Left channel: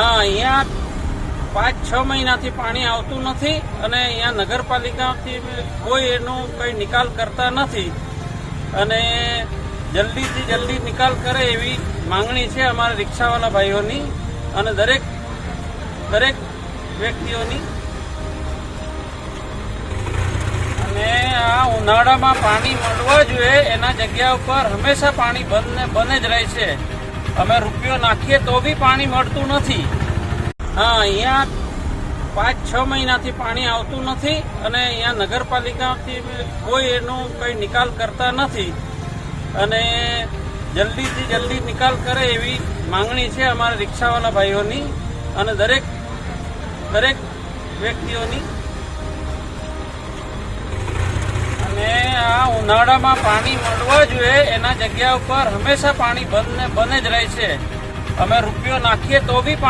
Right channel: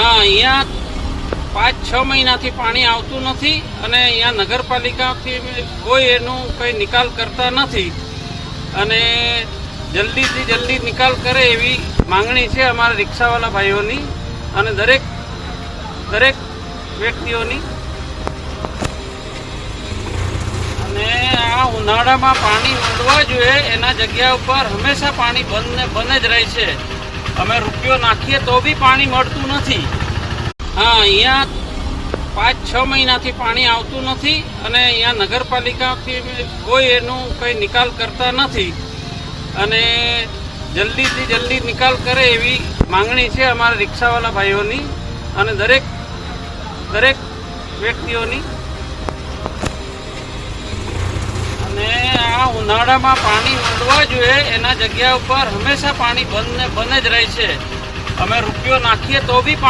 હા, અહીંયા 5-6 મહિનાથી પાણી આવતું નથી અને અહીંયા નગરપાલિકાથી કોઈ એનું કંઈ નિકાલ કરતા નથી અને જલ્દીથી જલ્દી નિકાલ કરે એવી માંગણી છે અમારા રિક્ષાવાળા ભાઈઓની અને દરેક વ્યક્તિઓની. અને આ ઉનાળામાં પાણી મળવા જોઈએ એના જગ્યા ઉપર હંમેશા પાણી બંધ જ રહે છે. અમે રૂપિયો નાખીએ તો બી પાણી મળતું નથી. હા, અહીંયા 5-6 મહિનાથી પાણી આવતું નથી અને અહીંયા નગરપાલિકાથી કોઈ એનું કંઈ નિકાલ કરતા નથી અને જલ્દીથી જલ્દી નિકાલ કરે એવી માંગણી છે અમારા રિક્ષાવાળા ભાઈઓની અને દરેક વ્યક્તિઓની. અને આ ઉનાળામાં પાણી મળવા જોઈએ એના જગ્યા ઉપર હંમેશા પાણી બંધ જ રહે છે. અમે રૂપિયો નાખીએ તો બી